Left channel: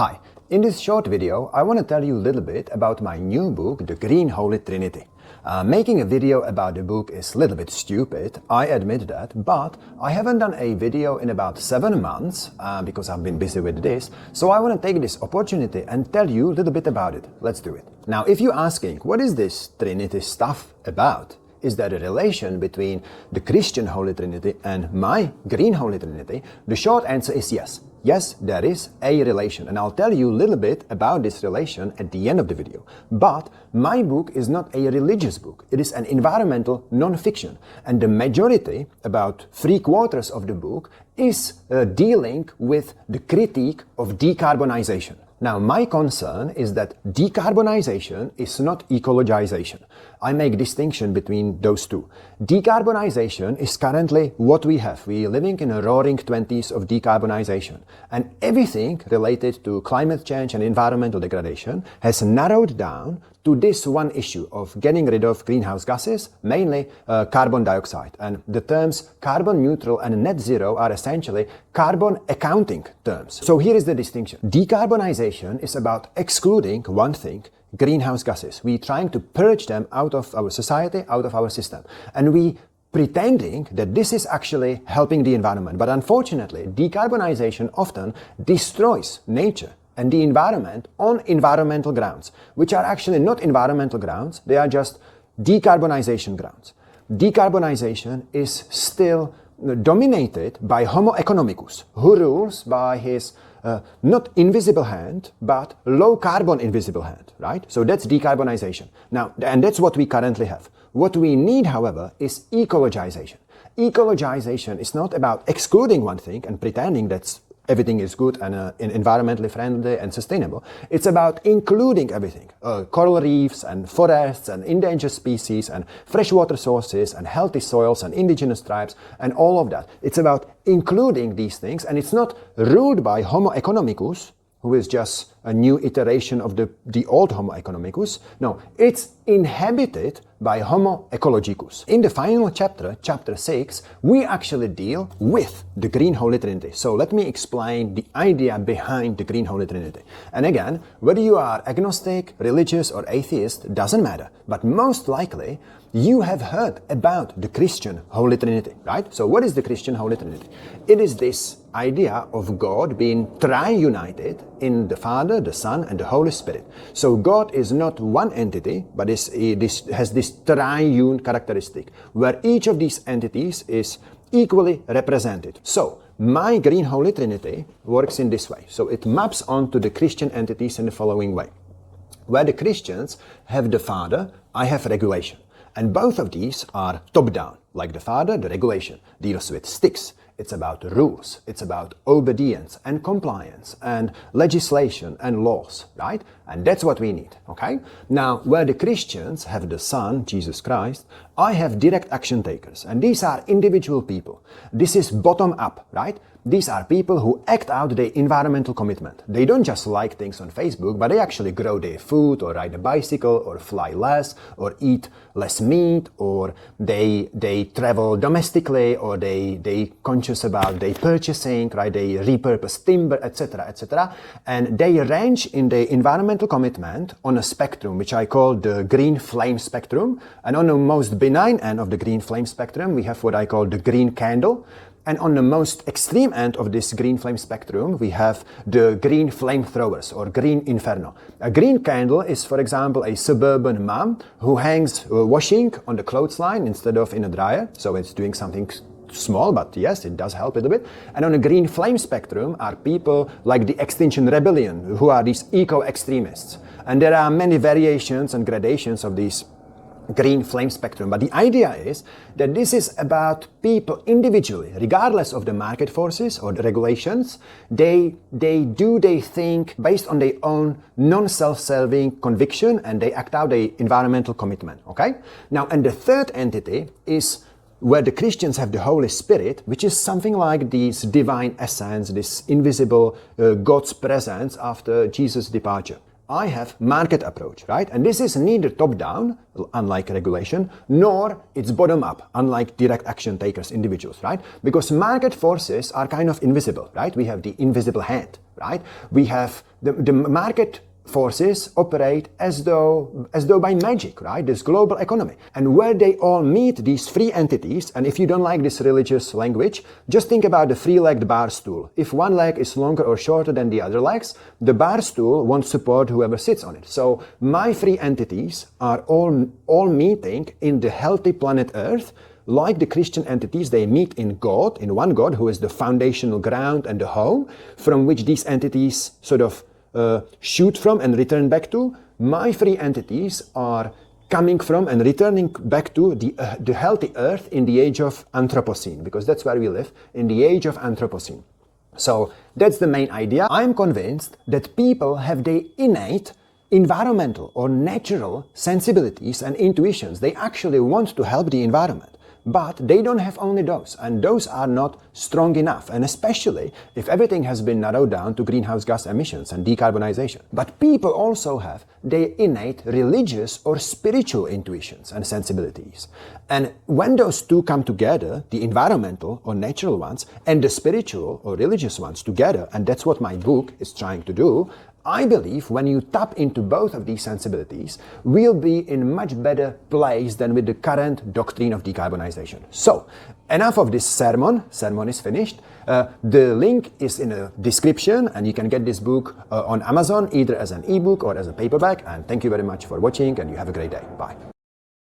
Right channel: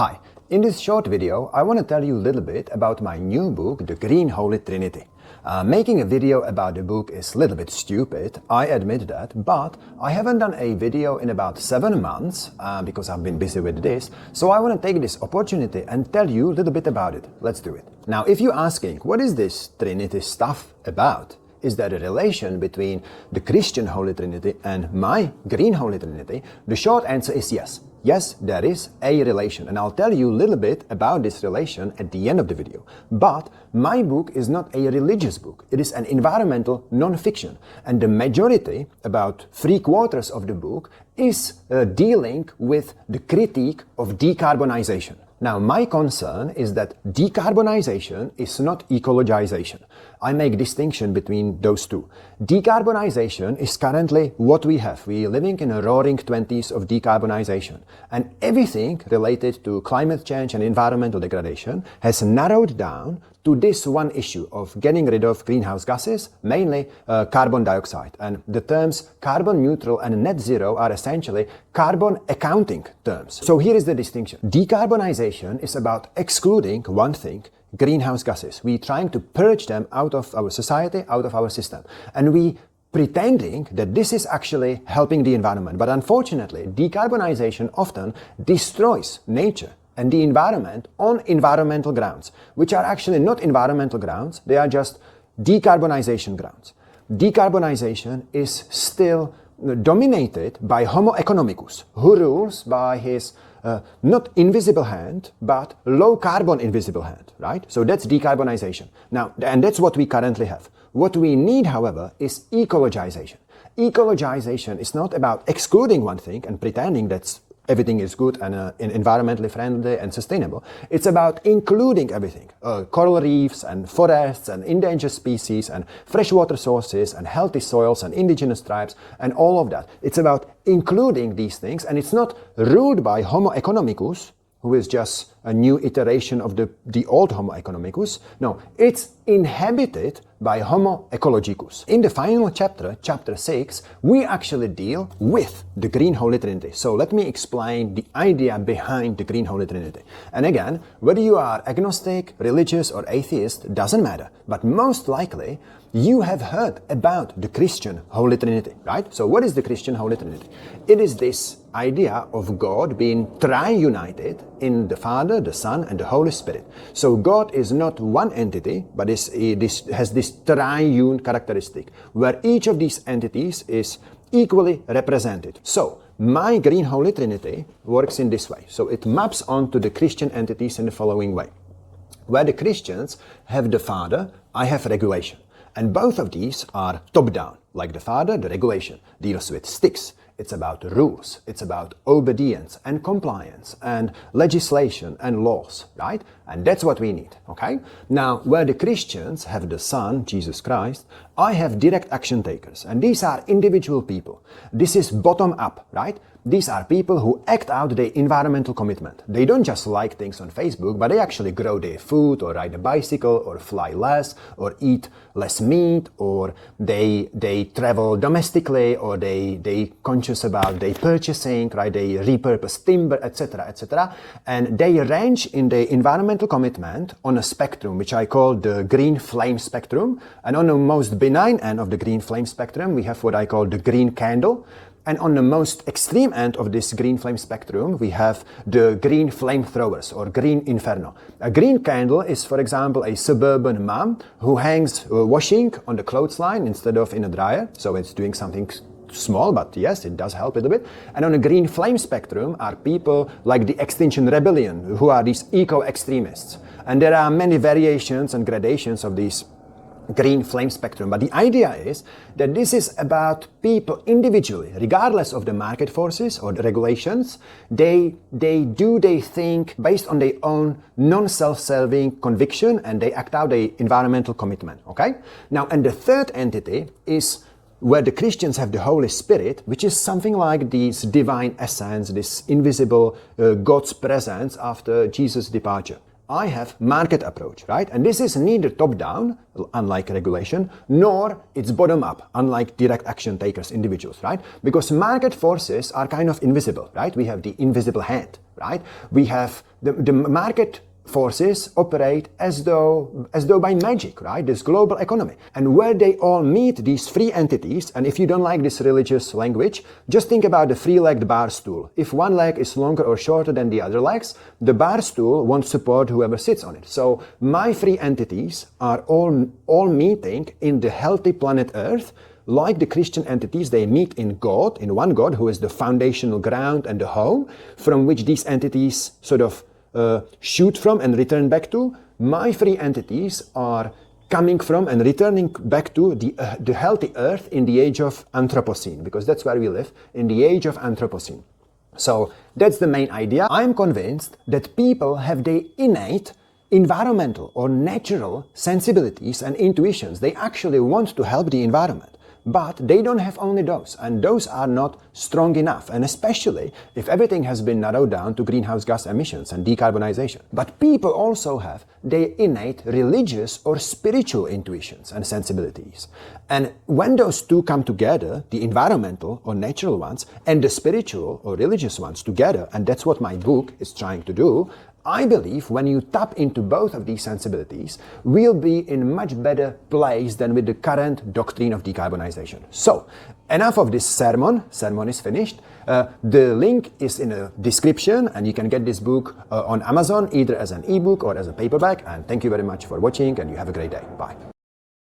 Hi, in this short video, I want to tell you a little bit about my new book, The Green Holy Trinity. Making a video about the book is a little bit stupid, I admit that, but I haven't done a video in about 7 months because I've been busy with this, so I want to take this opportunity and tell you a little bit about it. Let's do it. Now, if you're asking, what is this Trinity stuff about? Is there a relation between the Christian Holy Trinity and my Green Holy Trinity? The short answer is yes. Yes, there is a relation, and I'll tell you a little bit about this relation at the end of the video. But my book is not a religious book. It is an environmental non-fiction, and the majority, about 3/4 of the book, is dealing with the critique of decarbonization. Now, my concern is that decarbonization is not ecologization. I make distinction between those two. Decarbonization is currently what we have. We are living in a roaring 20s of decarbonization. And everything related to climate change and environmental degradation has narrowed down to this one issue of getting rid of greenhouse gases, mainly carbon dioxide. And the terms carbon neutral and net zero are essentially carbon accounting terms. So here is the distinction. Decarbonization is about excluding one thing. Greenhouse gases. We're trying to purge them out of our society, out of our system. And we pretending that this is actually helping the environment. But unfortunately, decarbonization often destroys nature and the environment on environmental grounds, which are actually not environmental grounds, they are just decarbonization grounds. Decarbonization is still dominated by Homo economicus, who rules by his not invisible hand, but low carbon invisible hand, right? So that's decarbonization. Now, and that's what we currently have. What we need, however, is ecologization. Ecologization is not about excluding one thing and pretending that everything is good and environmentally friendly and sustainable. It's about including everything. Coral reefs and forests and endangered species and freshwater sources and healthy soils and indigenous tribes and all of that. It's about including these things, and it's not ruled by Homo economicus, who is just a new iteration of the old Homo economicus. No, it's inhabited by Homo ecologicus. In the final chapter, chapter 6, we actually deal with the Green Holy Trinity. So let me explain the idea behind the Green Holy Trinity. And again, whether you are agnostic, religious, or atheist, doesn't matter. But most likely, you have heard about the Christian Holy Trinity, right? So what is the Christian Holy Trinity? It is this idea of God being tri-united in the Father, the Son, and the Holy Spirit. So God is not one entity, but has this triune characteristic, where each of these entities is equally represented. So my Green Holy Trinity works in this way. So it maps onto the Christian entities in the following way. Where the Christians have the Father, I have regulation. And both of these are top-down. Like the Father, the regulation deals with sticks. It's about rules. It's about obedience and compliance and legislation and laws, right? And that's what we need, okay? Now, where the Christians have the Son, Jesus Christ, I have direct action takers. And these are individual people. This is bottom up, right? These are people who act out their environmental commitment. They don't just like things on Facebook, but they actually grow their food or ride a bicycle or fly less or eat less meat, or they travel domestically, or they conscious about their purchasing, right? They repurpose timber, etc., etc. And they range in their environmental commitment on a spectrum, which I call the green flame spectrum. And on the most benign end of the green flame spectrum, we have what I call the green candle. And on the most extreme end of this green flame spectrum, we have the green flamethrowers or green inferno. A green candle is, for example, a suburban mom who hangs washing on the clothesline instead of in a dryer. So it's doing something small, but yes, it does help a little bit. And on the green flame spectrum are people like the Extinction Rebellion, who are these eco-extremists. And there are many variations and gradations of these green flame spectrum. But the idea is that this is about people individually, regardless of the market forces or the regulations. They think based on their own non-self-serving conviction, and they act out their environmental commitment, okay? Now, and the third entity is where the Christians have the Holy Spirit, which is something like this divine essence, this invisible God's presence after Jesus' departure. I have market approach, right? And this is neither top-down, unlike regulation, nor it's bottom-up, unlike direct action takers, individuals, right? Because market forces are kind of invisible, right? We have the invisible hand, right? We have the market forces operate as though by magic, right? This global economy. And where they all meet, these free entities, and if you don't like this religious language, just think about the three-legged bar stool. If one leg is longer or shorter than the other legs, the bar stool won't support whoever sits on it. So my free entities are all meeting in the healthy planet Earth. Like the Christian entities, they meet in God, in one God, who is the foundational ground and the home, from which these entities sort of shoot from and return back to. My three entities are coming from and returning back to the healthy earth in the age of Anthropocene, because that's where we live, in the age of Anthropocene. So that's the main thing. I'm convinced that people have the innate environmental or natural sensibilities and intuitions. They actually want to help the environment. But they don't have only those, and those are not strong enough, and especially if everything has been narrowed down to greenhouse gas emissions and decarbonization. But people also have their innate religious or spiritual intuitions and sensibilities. And when those two come together, the environmental or natural ones and the spiritual or religious ones together, and that's what my book is trying to do, I believe when you tap into both of these sensibilities, we'll be in a much better place than with the current doctrine of decarbonization. So, enough of this sermon. Sermon is finished. The link is in the description, and you can get this book on Amazon, either as an ebook or as a paperback. And thank you very much for watching, and you have a great day. Bye.